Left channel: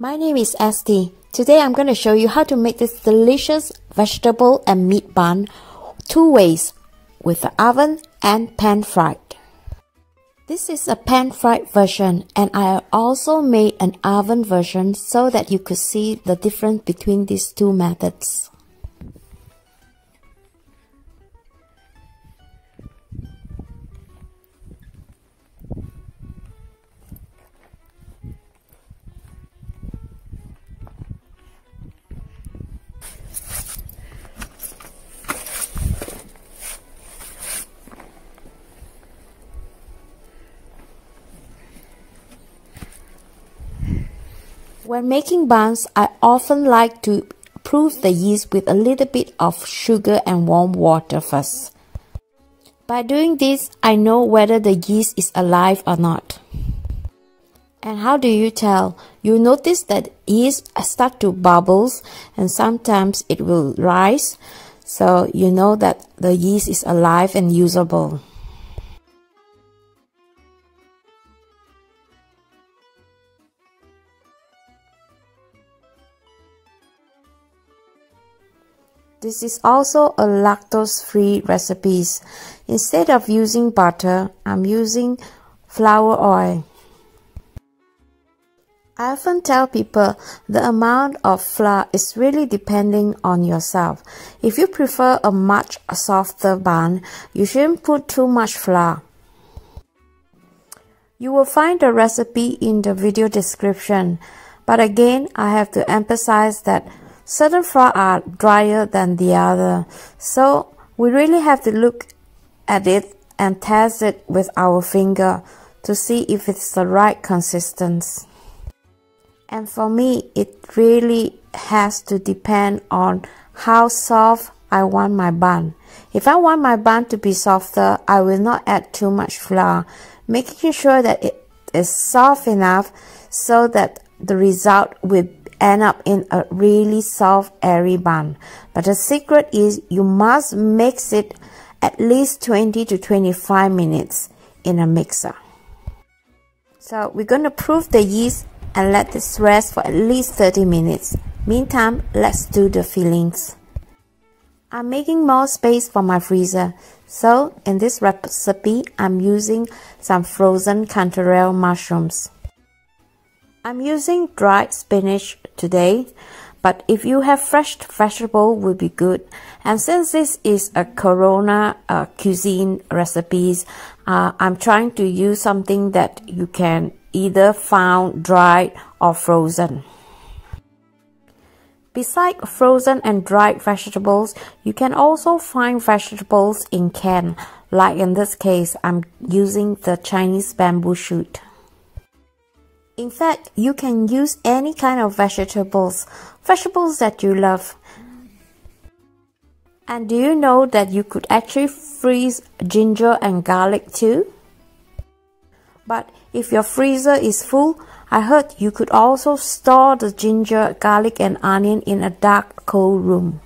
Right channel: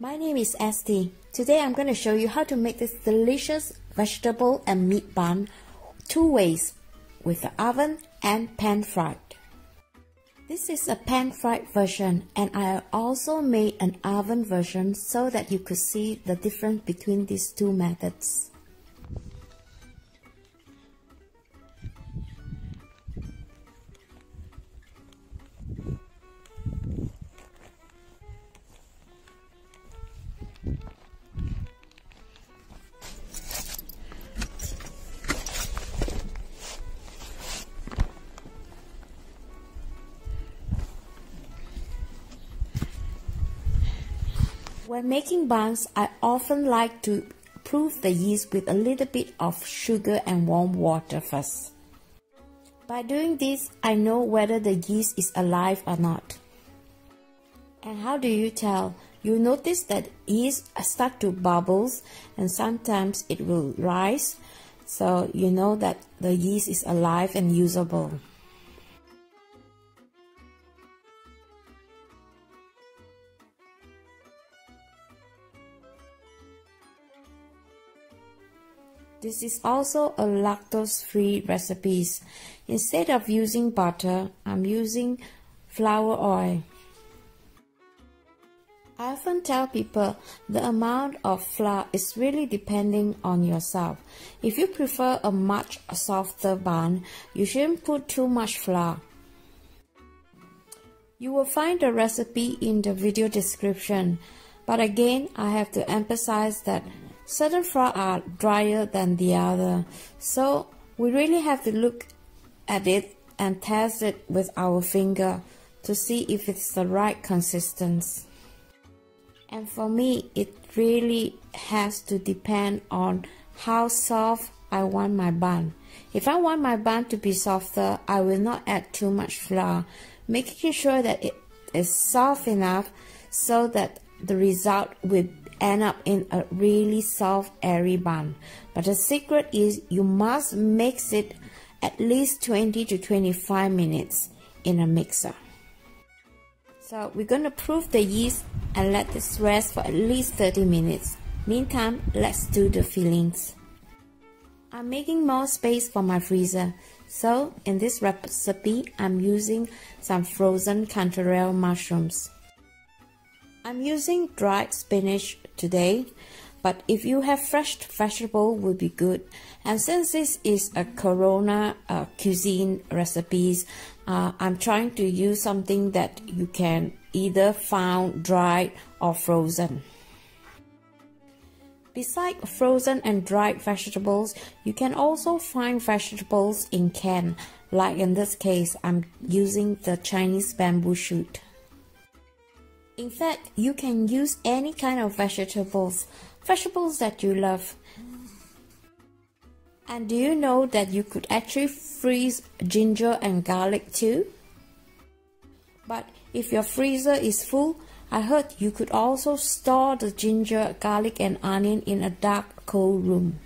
My name is Esti. Today I'm going to show you how to make this delicious vegetable and meat bun two ways, with the oven and pan fried. This is a pan fried version, and I also made an oven version so that you could see the difference between these two methods. When making buns, I often like to proof the yeast with a little bit of sugar and warm water first. By doing this, I know whether the yeast is alive or not. And how do you tell? You notice that yeast start to bubbles and sometimes it will rise, so you know that the yeast is alive and usable. This is also a lactose-free recipe. Instead of using butter, I'm using flour oil. I often tell people the amount of flour is really depending on yourself. If you prefer a much softer bun, you shouldn't put too much flour. You will find the recipe in the video description, but again, I have to emphasize that certain flour are drier than the other, so we really have to look at it and test it with our finger to see if it's the right consistency. And for me, it really has to depend on how soft I want my bun. If I want my bun to be softer, I will not add too much flour, making sure that it is soft enough so that the result will end up in a really soft, airy bun. But the secret is you must mix it at least 20 to 25 minutes in a mixer. So we're going to proof the yeast and let this rest for at least 30 minutes. Meantime, let's do the fillings. I'm making more space for my freezer. So in this recipe, I'm using some frozen cantarell mushrooms. I'm using dried spinach today, but if you have fresh vegetable will be good. And since this is a Corona cuisine recipes, I'm trying to use something that you can either found dried or frozen. Besides frozen and dried vegetables, you can also find vegetables in can. Like in this case, I'm using the Chinese bamboo shoot. In fact, you can use any kind of vegetables that you love. And do you know that you could actually freeze ginger and garlic too? But if your freezer is full, I heard you could also store the ginger, garlic and onion in a dark, cold room.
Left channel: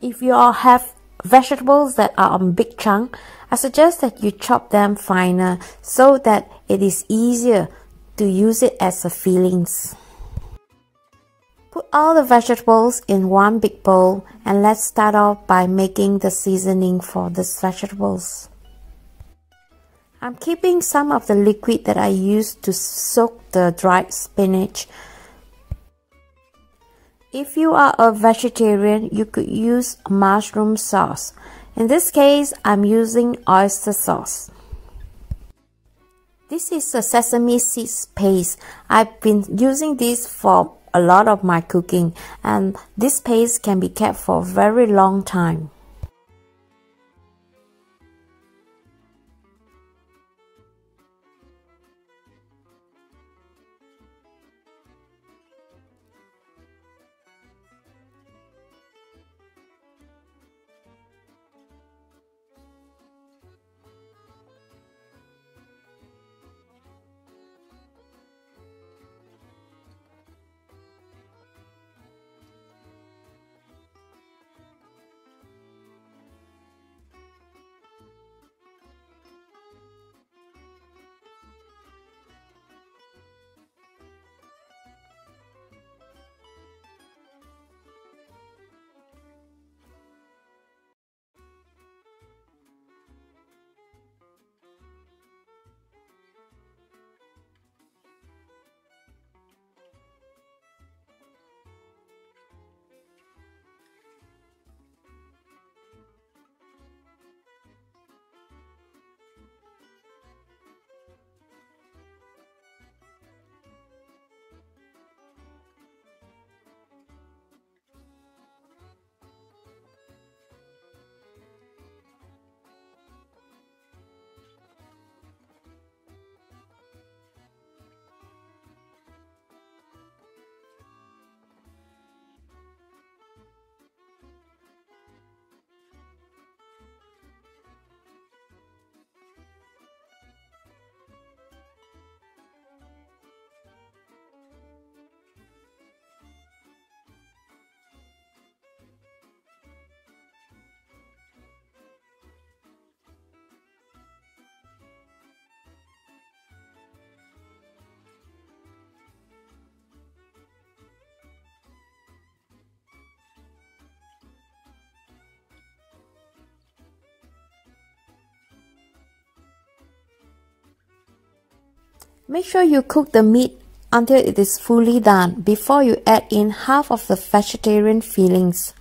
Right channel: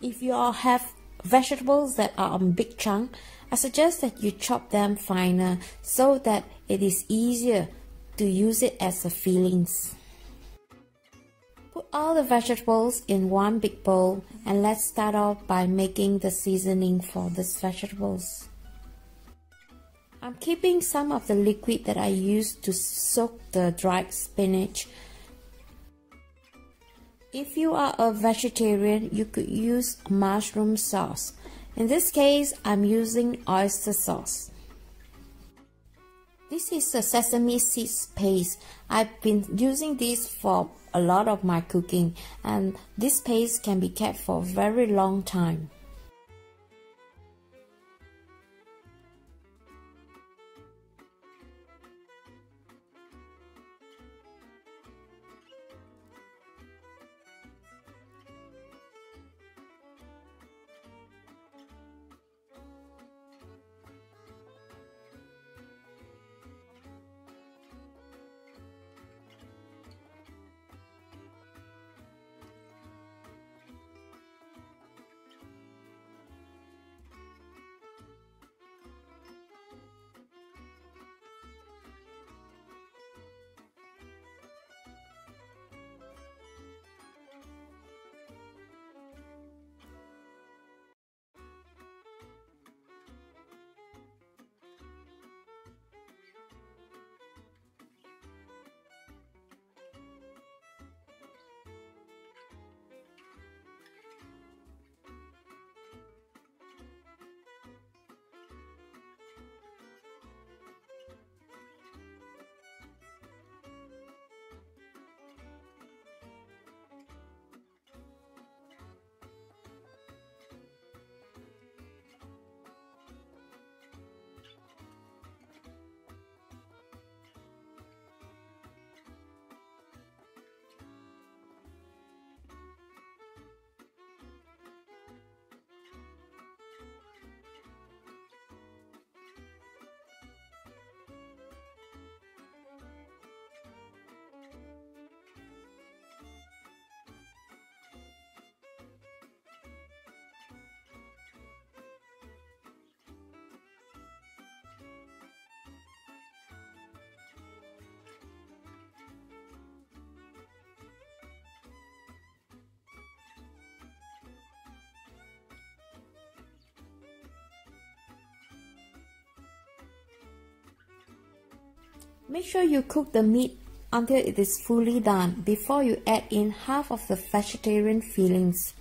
If you all have vegetables that are on big chunk, I suggest that you chop them finer so that it is easier to use it as a fillings. Put all the vegetables in one big bowl and let's start off by making the seasoning for these vegetables. I'm keeping some of the liquid that I used to soak the dried spinach. If you are a vegetarian, you could use mushroom sauce. In this case, I'm using oyster sauce. This is a sesame seeds paste. I've been using this for a lot of my cooking, and this paste can be kept for a very long time. Make sure you cook the meat until it is fully done before you add in half of the vegetarian fillings.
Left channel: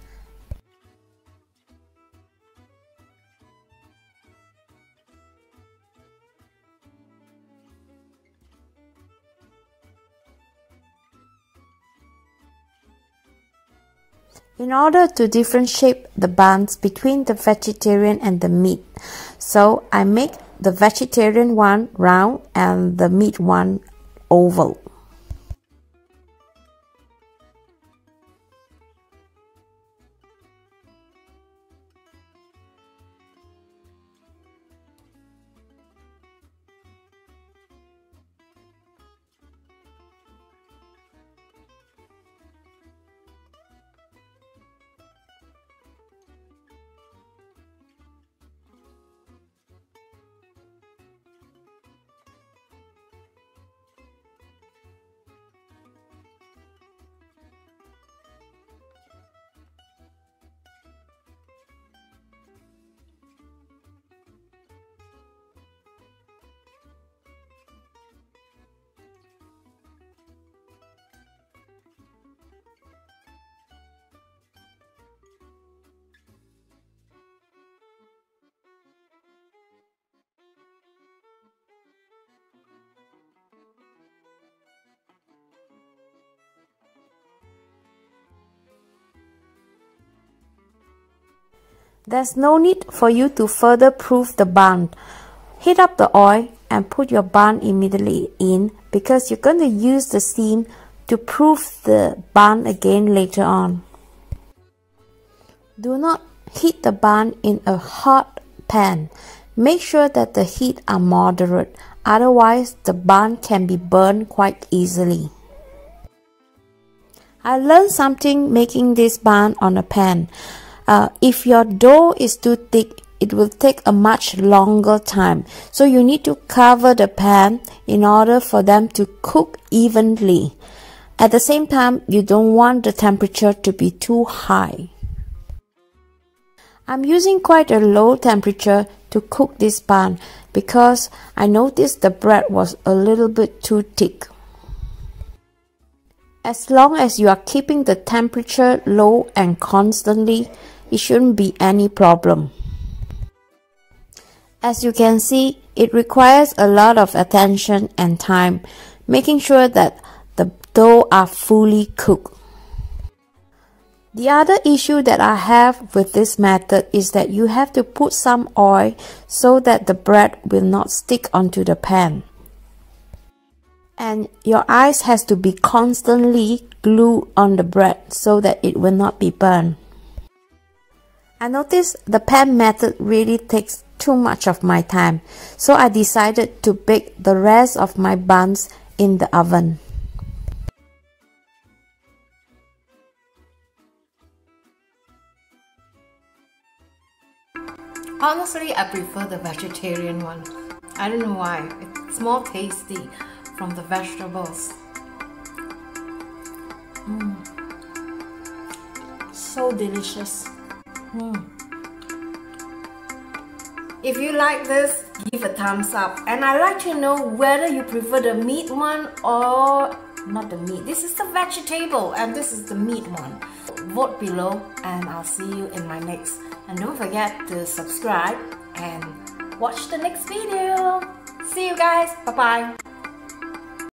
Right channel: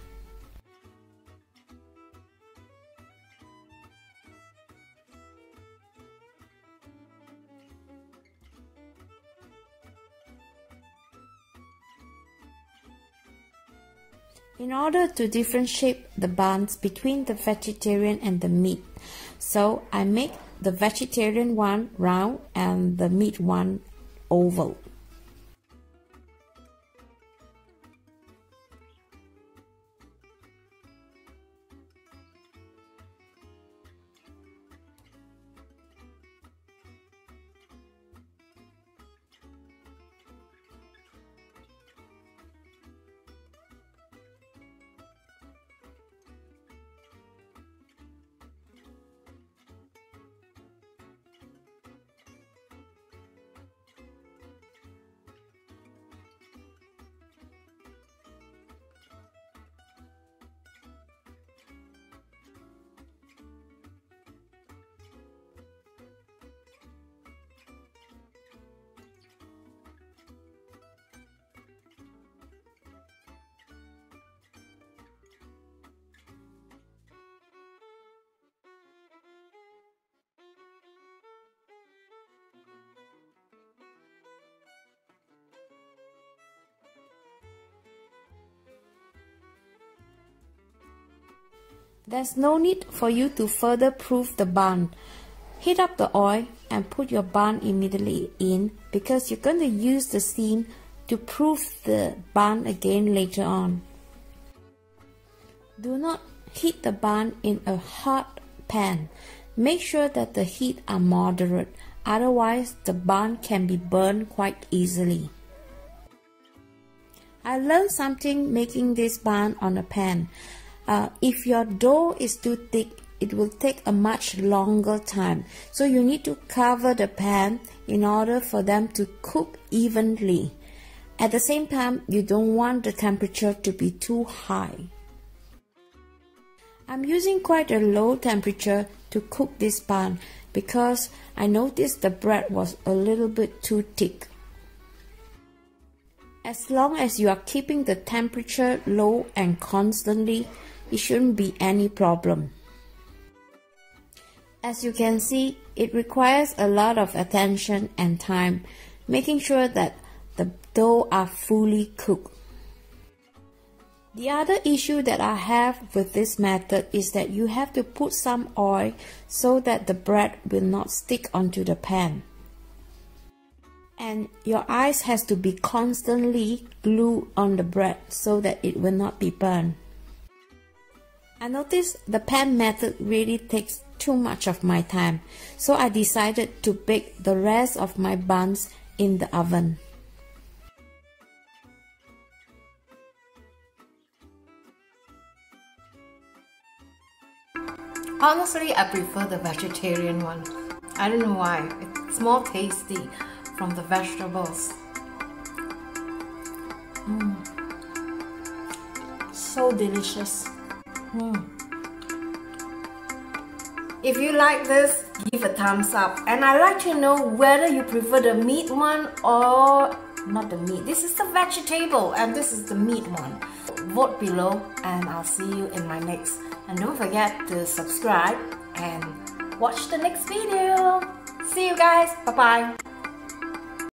In order to differentiate the buns between the vegetarian and the meat, so I make the vegetarian one round and the meat one oval. There's no need for you to further proof the bun. Heat up the oil and put your bun immediately in because you're going to use the steam to proof the bun again later on. Do not heat the bun in a hot pan. Make sure that the heat are moderate, otherwise the bun can be burned quite easily. I learned something making this bun on a pan. If your dough is too thick, it will take a much longer time. So you need to cover the pan in order for them to cook evenly. At the same time, you don't want the temperature to be too high. I'm using quite a low temperature to cook this bun because I noticed the bread was a little bit too thick. As long as you are keeping the temperature low and constantly, it shouldn't be any problem. As you can see, it requires a lot of attention and time, making sure that the dough are fully cooked. The other issue that I have with this method is that you have to put some oil so that the bread will not stick onto the pan. And your eyes has to be constantly glued on the bread so that it will not be burned. I noticed the pan method really takes too much of my time, so I decided to bake the rest of my buns in the oven. Honestly, I prefer the vegetarian one. I don't know why. It's more tasty from the vegetables. So delicious. If you like this, give a thumbs up. And I'd like to know whether you prefer the meat one or not the meat. This is the vegetable and this is the meat one. Vote below and I'll see you in my next. And don't forget to subscribe and watch the next video. See you guys. Bye-bye.